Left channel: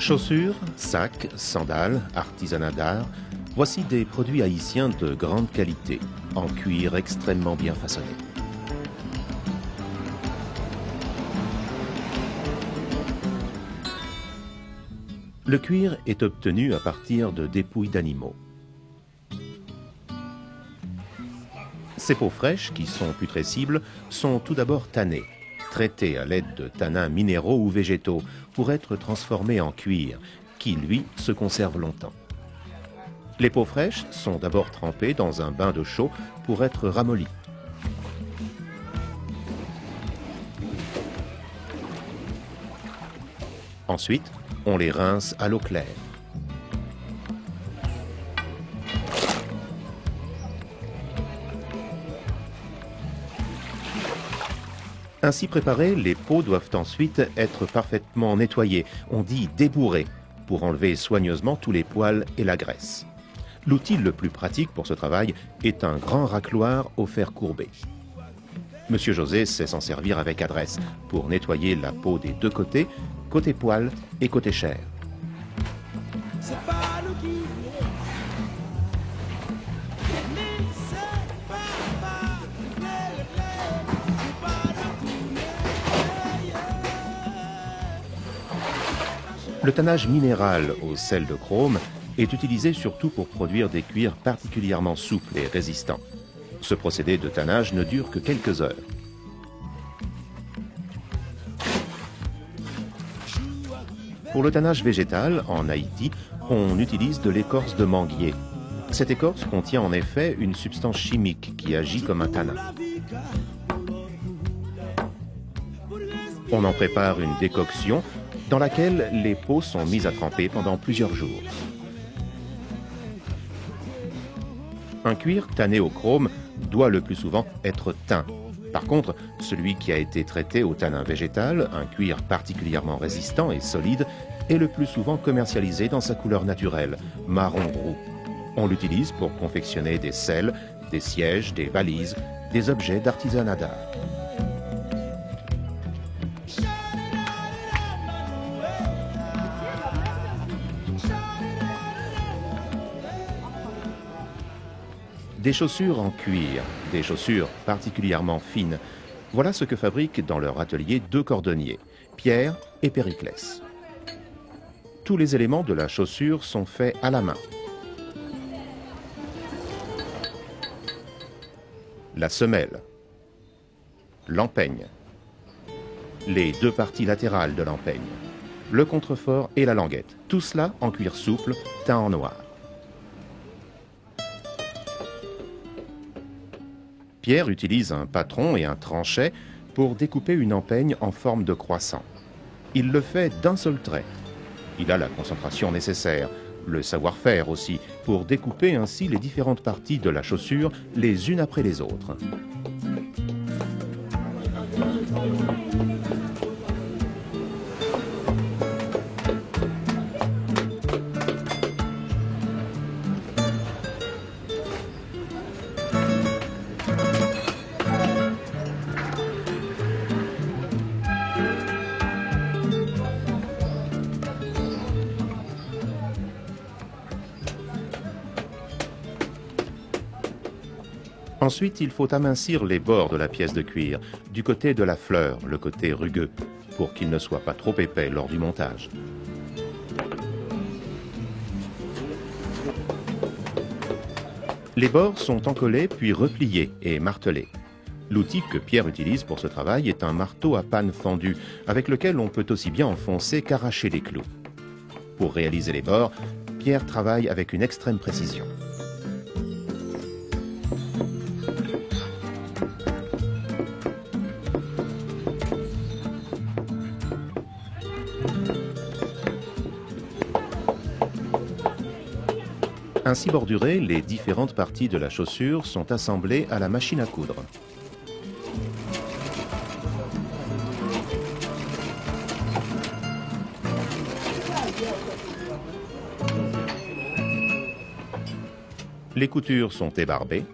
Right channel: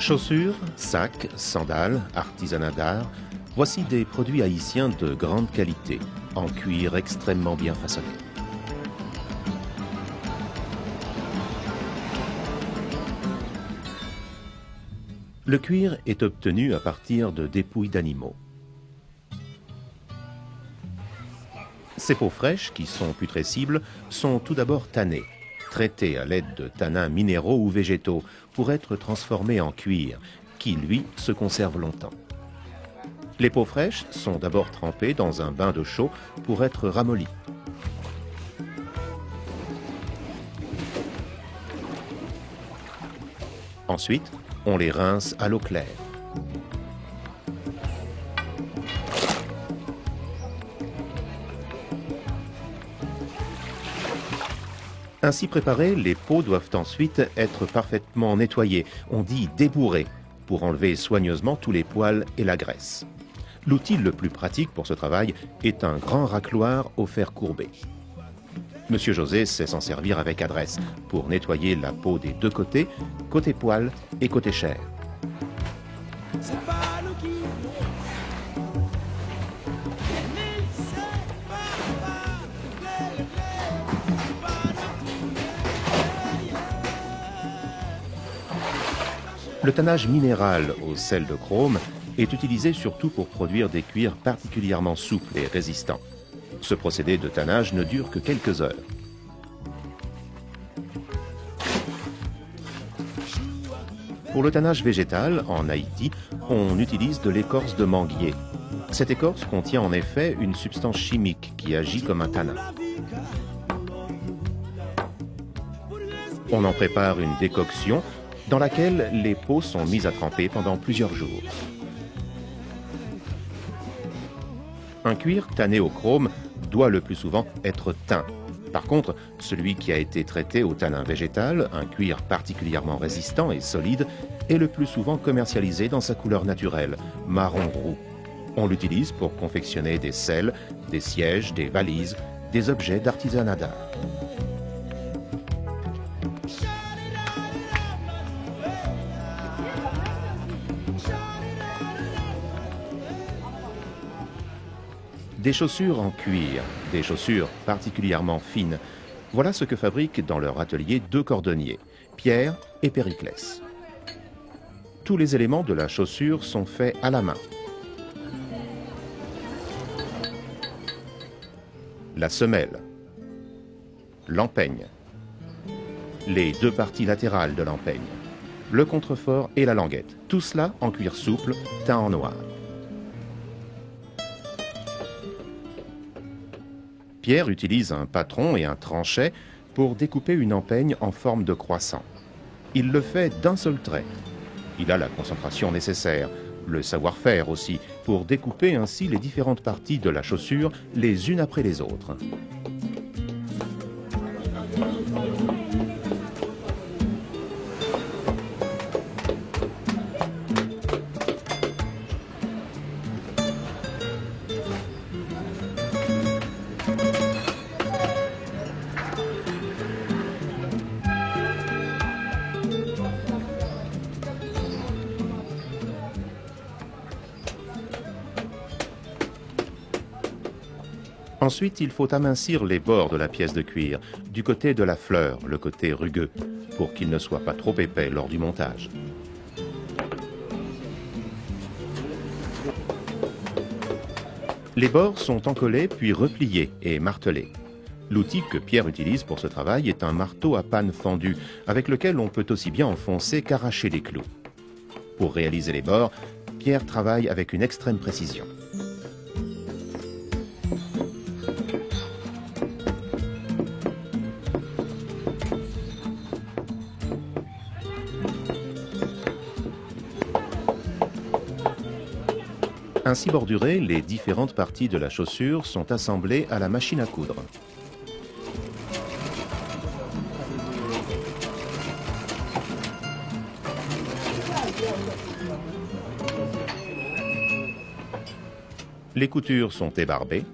Chaussures, sacs, sandales, artisanat d'art, voici des produits haïtiens de grande qualité, en cuir extrêmement bien façonné. Le cuir est obtenu à partir de dépouilles d'animaux. Ces peaux fraîches, qui sont putrescibles, sont tout d'abord tannées, traitées à l'aide de tanins minéraux ou végétaux pour être transformées en cuir, qui, lui, se conserve longtemps. Les peaux fraîches sont d'abord trempées dans un bain d'eau chaude pour être ramollies. Ensuite, on les rince à l'eau claire. Ainsi préparées, les peaux doivent ensuite être parfaitement nettoyées, on dit débourrées, pour enlever soigneusement tous les poils et la graisse. L'outil le plus pratique pour ce travail est un grand racloir au fer courbé. Monsieur José sait s'en servir avec adresse pour nettoyer la peau des deux côtés, côté poil et côté chair. Le tannage minéral au sel de chrome est utilisé surtout pour produire des cuirs particulièrement souples et résistants. Ce procédé de tannage ne dure que quelques heures. Pour le tannage végétal, en Haïti, on utilise de l'écorce de manguier. Cette écorce contient en effet une substance chimique qui agit comme un tanin. On en prépare une décoction dans laquelle les peaux sont mises à tremper pendant plusieurs jours. Un cuir tanné au chrome doit le plus souvent être teint. Par contre, celui qui a été traité au tanin végétal, un cuir particulièrement résistant et solide, est le plus souvent commercialisé dans sa couleur naturelle, marron roux. On l'utilise pour confectionner des selles, des sièges, des valises, des objets d'artisanat d'art. Des chaussures en cuir, des chaussures particulièrement fines. Voilà ce que fabriquent dans leur atelier deux cordonniers, Pierre et Périclès. Tous les éléments de la chaussure sont faits à la main. La semelle, l'empeigne, les deux parties latérales de l'empeigne, le contrefort et la languette. Tout cela en cuir souple, teint en noir. Pierre utilise un patron et un tranchet pour découper une empeigne en forme de croissant. Il le fait d'un seul trait. Il a la concentration nécessaire, le savoir-faire aussi, pour découper ainsi les différentes parties de la chaussure les unes après les autres. Ensuite, il faut amincir les bords de la pièce de cuir, du côté de la fleur, le côté rugueux, pour qu'il ne soit pas trop épais lors du montage. Les bords sont encollés puis repliés et martelés. L'outil que Pierre utilise pour ce travail est un marteau à panne fendue, avec lequel on peut aussi bien enfoncer qu'arracher les clous. Pour réaliser les bords, Pierre travaille avec une extrême précision. Ainsi bordurées, les différentes parties de la chaussure sont assemblées à la machine à coudre. Les coutures sont ébarbées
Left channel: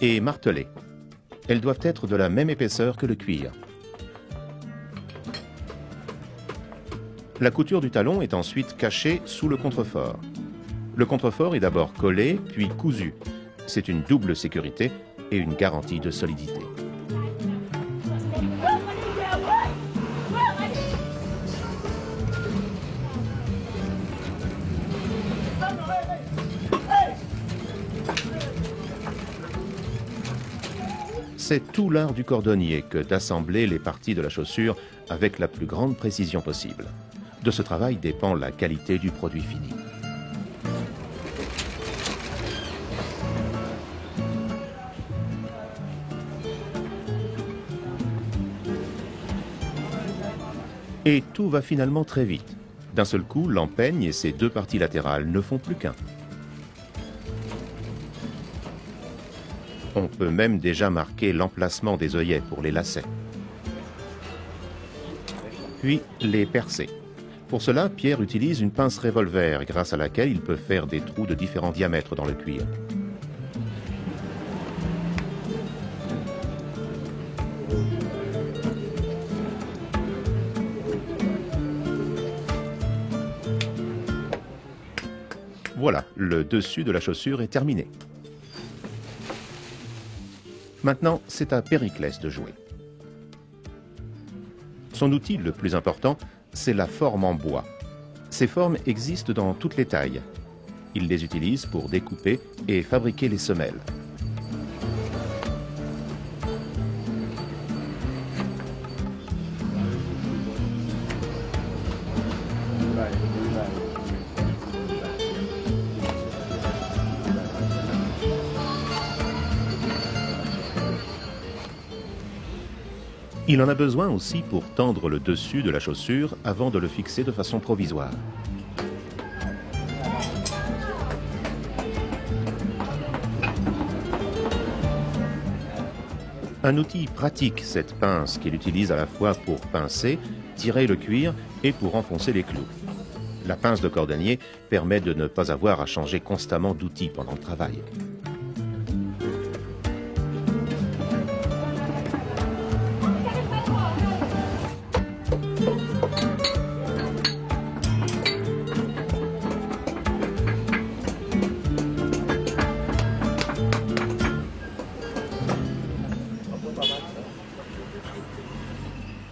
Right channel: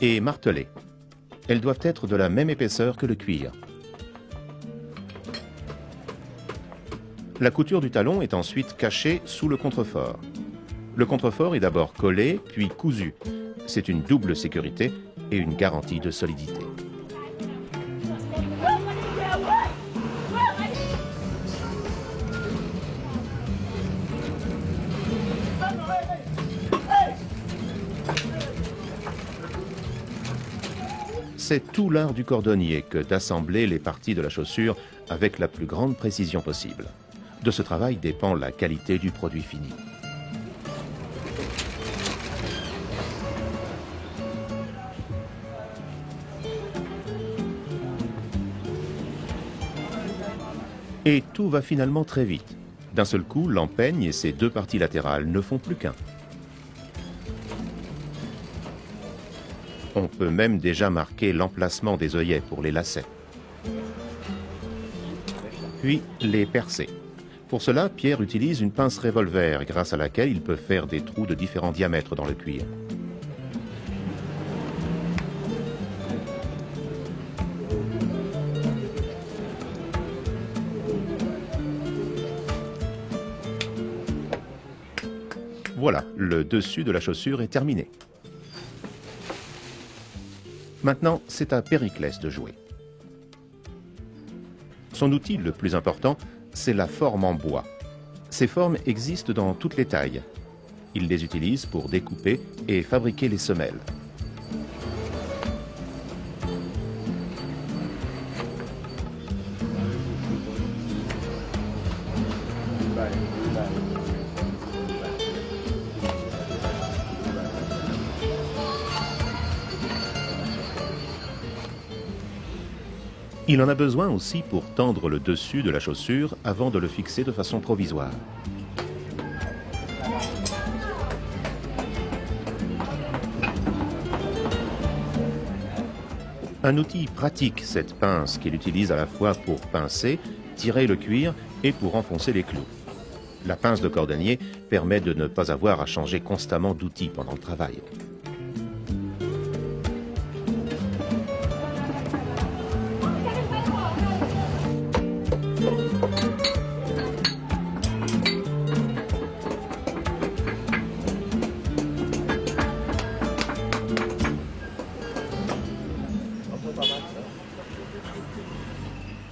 et martelées. Elles doivent être de la même épaisseur que le cuir. La couture du talon est ensuite cachée sous le contrefort. Le contrefort est d'abord collé, puis cousu. C'est une double sécurité et une garantie de solidité. C'est tout l'art du cordonnier que d'assembler les parties de la chaussure avec la plus grande précision possible. De ce travail dépend la qualité du produit fini. Et tout va finalement très vite. D'un seul coup, l'empeigne et ses deux parties latérales ne font plus qu'un. On peut même déjà marquer l'emplacement des œillets pour les lacets. Puis les percer. Pour cela, Pierre utilise une pince revolver grâce à laquelle il peut faire des trous de différents diamètres dans le cuir. Voilà, le dessus de la chaussure est terminé. Maintenant, c'est à Périclès de jouer. Son outil le plus important, c'est la forme en bois. Ces formes existent dans toutes les tailles. Il les utilise pour découper et fabriquer les semelles. Il en a besoin aussi pour tendre le dessus de la chaussure avant de le fixer de façon provisoire. Un outil pratique, cette pince qu'il utilise à la fois pour pincer, tirer le cuir et pour enfoncer les clous. La pince de cordonnier permet de ne pas avoir à changer constamment d'outil pendant le travail.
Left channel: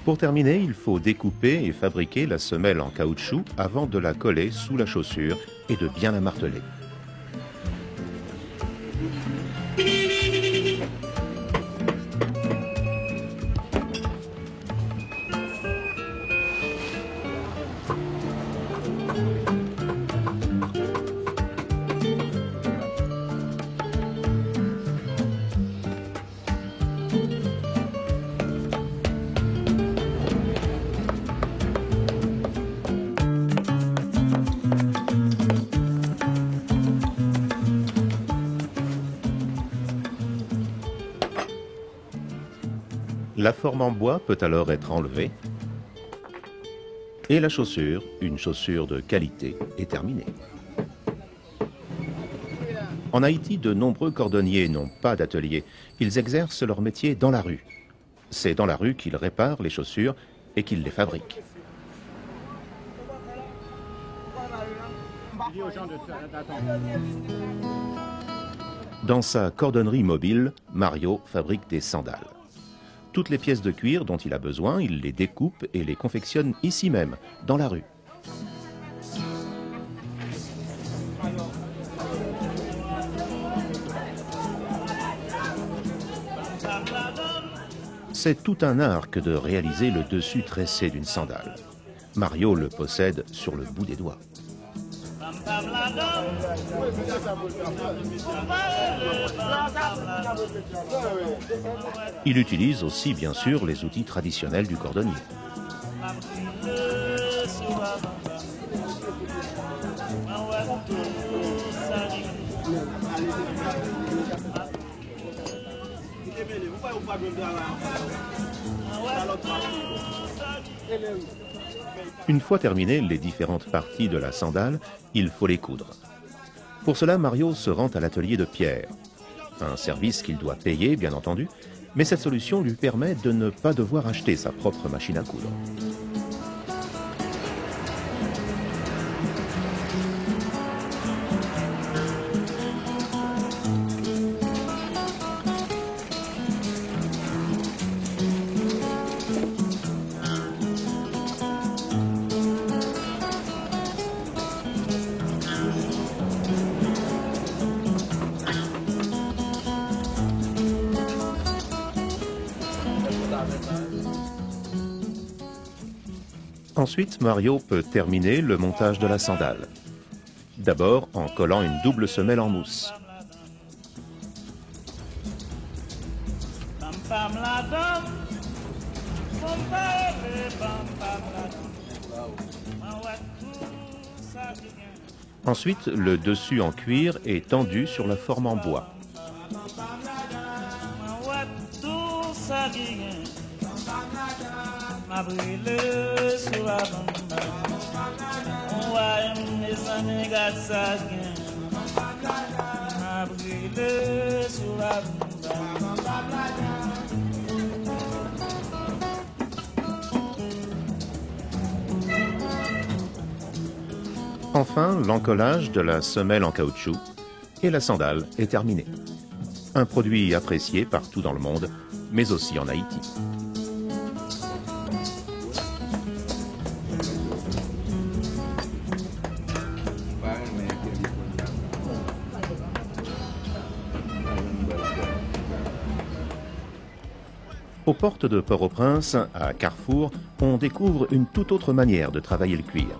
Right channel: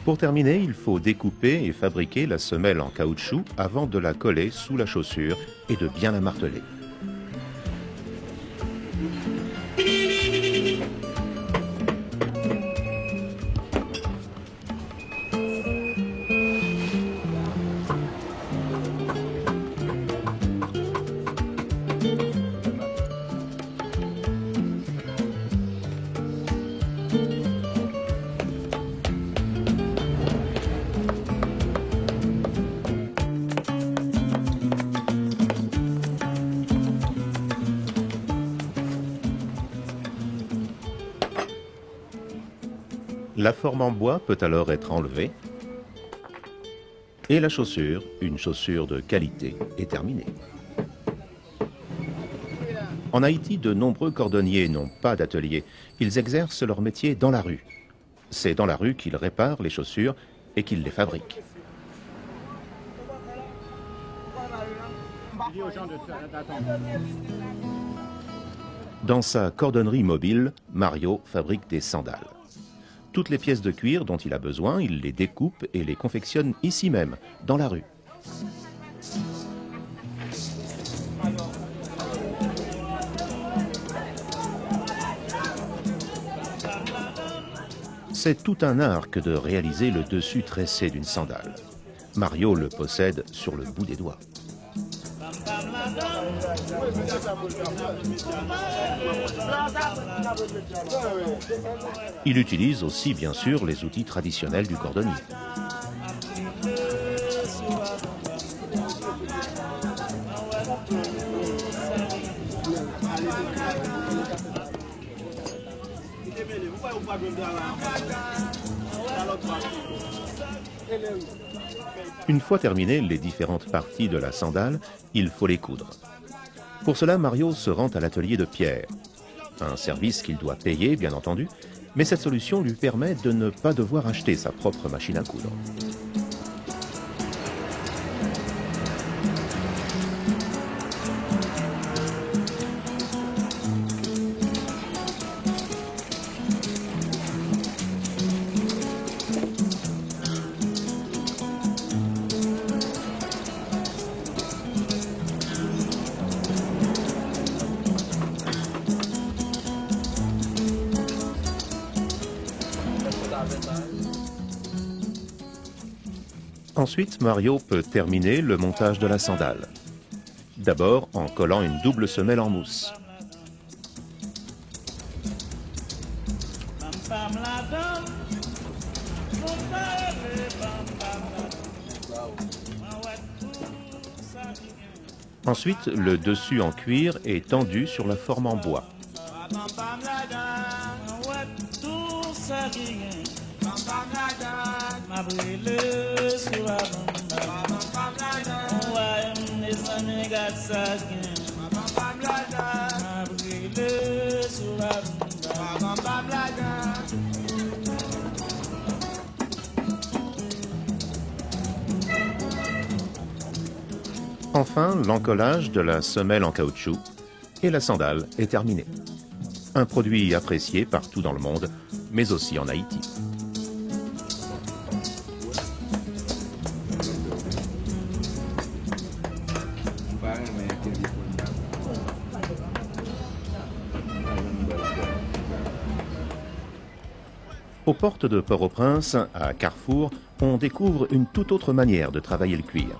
Pour terminer, il faut découper et fabriquer la semelle en caoutchouc avant de la coller sous la chaussure et de bien la marteler. La forme en bois peut alors être enlevée et la chaussure, une chaussure de qualité, est terminée. En Haïti, de nombreux cordonniers n'ont pas d'atelier. Ils exercent leur métier dans la rue. C'est dans la rue qu'ils réparent les chaussures et qu'ils les fabriquent. Dans sa cordonnerie mobile, Mario fabrique des sandales. Toutes les pièces de cuir dont il a besoin, il les découpe et les confectionne ici même, dans la rue. C'est tout un art que de réaliser le dessus tressé d'une sandale. Mario le possède sur le bout des doigts. Il utilise aussi, bien sûr, les outils traditionnels du cordonnier. Une fois terminées les différentes parties de la sandale, il faut les coudre. Pour cela, Mario se rend à l'atelier de Pierre. Un service qu'il doit payer, bien entendu, mais cette solution lui permet de ne pas devoir acheter sa propre machine à coudre. Ensuite, Mario peut terminer le montage de la sandale. D'abord en collant une double semelle en mousse. Ensuite, le dessus en cuir est tendu sur la forme en bois. Enfin, l'encollage de la semelle en caoutchouc et la sandale est terminée. Un produit apprécié partout dans le monde, mais aussi en Haïti. Aux portes de Port-au-Prince, à Carrefour, on découvre une toute autre manière de travailler le cuir.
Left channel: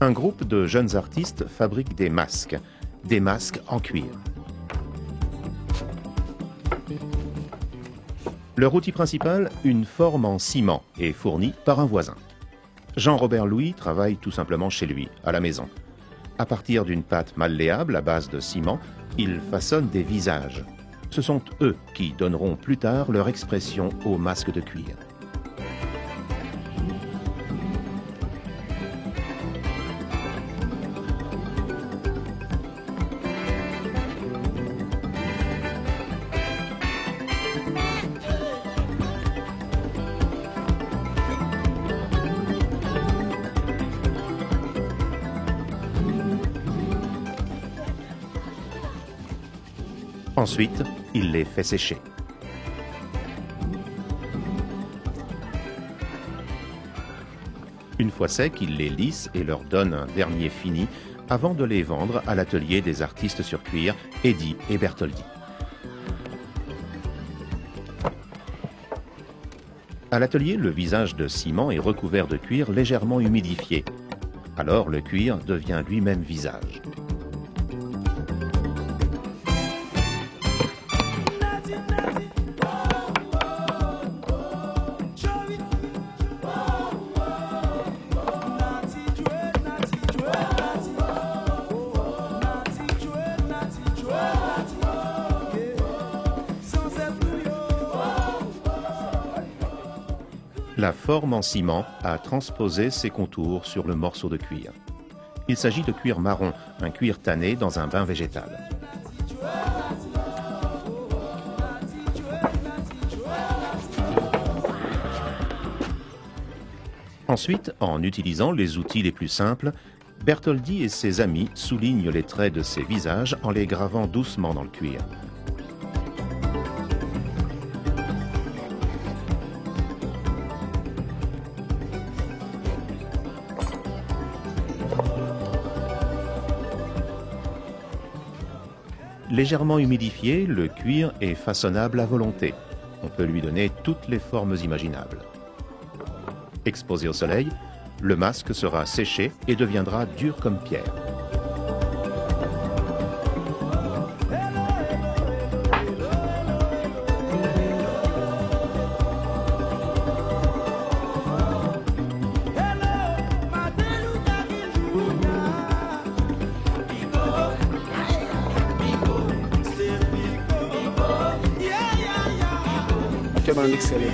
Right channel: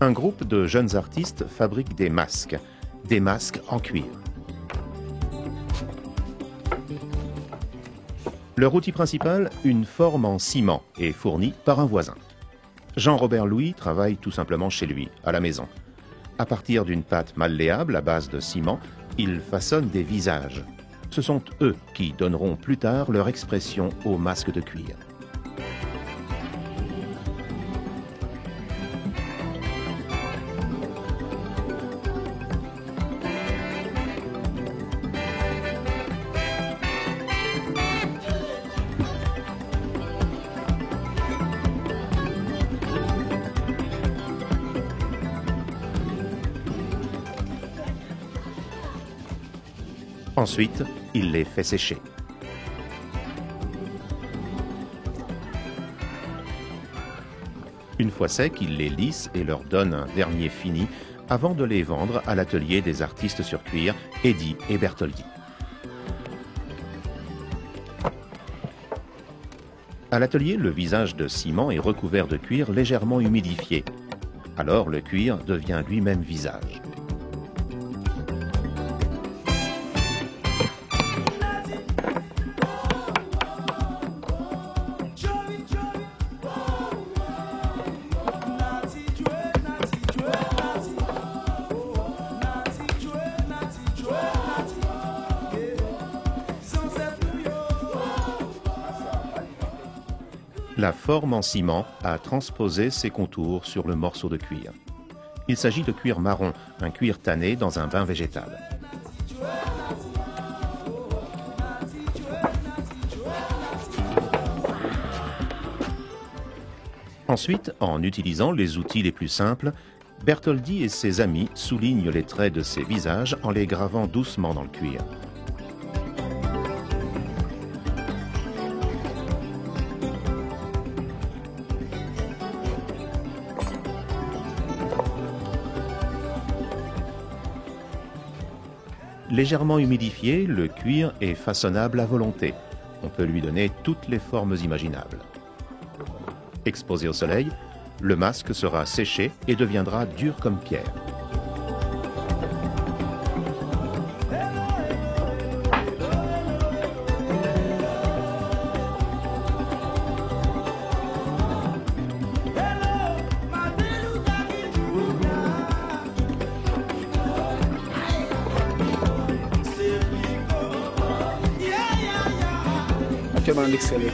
Un groupe de jeunes artistes fabrique des masques en cuir. Leur outil principal, une forme en ciment, est fournie par un voisin. Jean-Robert Louis travaille tout simplement chez lui, à la maison. À partir d'une pâte malléable à base de ciment, il façonne des visages. Ce sont eux qui donneront plus tard leur expression aux masques de cuir. Ensuite, il les fait sécher. Une fois secs, il les lisse et leur donne un dernier fini avant de les vendre à l'atelier des artistes sur cuir, Eddy et Bertoldi. À l'atelier, le visage de ciment est recouvert de cuir légèrement humidifié. Alors le cuir devient lui-même visage. La forme en ciment a transposé ses contours sur le morceau de cuir. Il s'agit de cuir marron, un cuir tanné dans un bain végétal. Ensuite, en utilisant les outils les plus simples, Bertoldi et ses amis soulignent les traits de ces visages en les gravant doucement dans le cuir. Légèrement humidifié, le cuir est façonnable à volonté. On peut lui donner toutes les formes imaginables. Exposé au soleil, le masque sera séché et deviendra dur comme pierre. Actuellement, on excelle.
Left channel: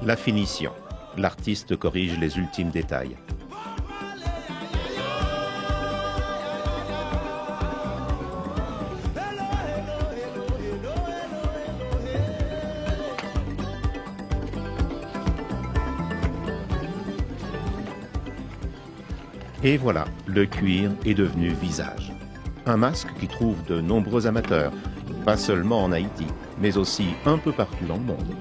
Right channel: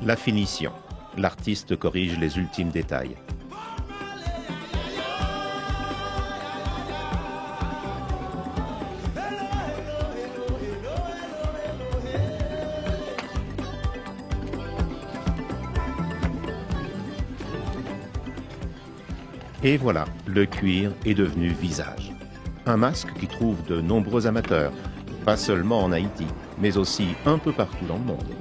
La finition. L'artiste corrige les ultimes détails. Et voilà, le cuir est devenu visage. Un masque qui trouve de nombreux amateurs, pas seulement en Haïti, mais aussi un peu partout dans le monde.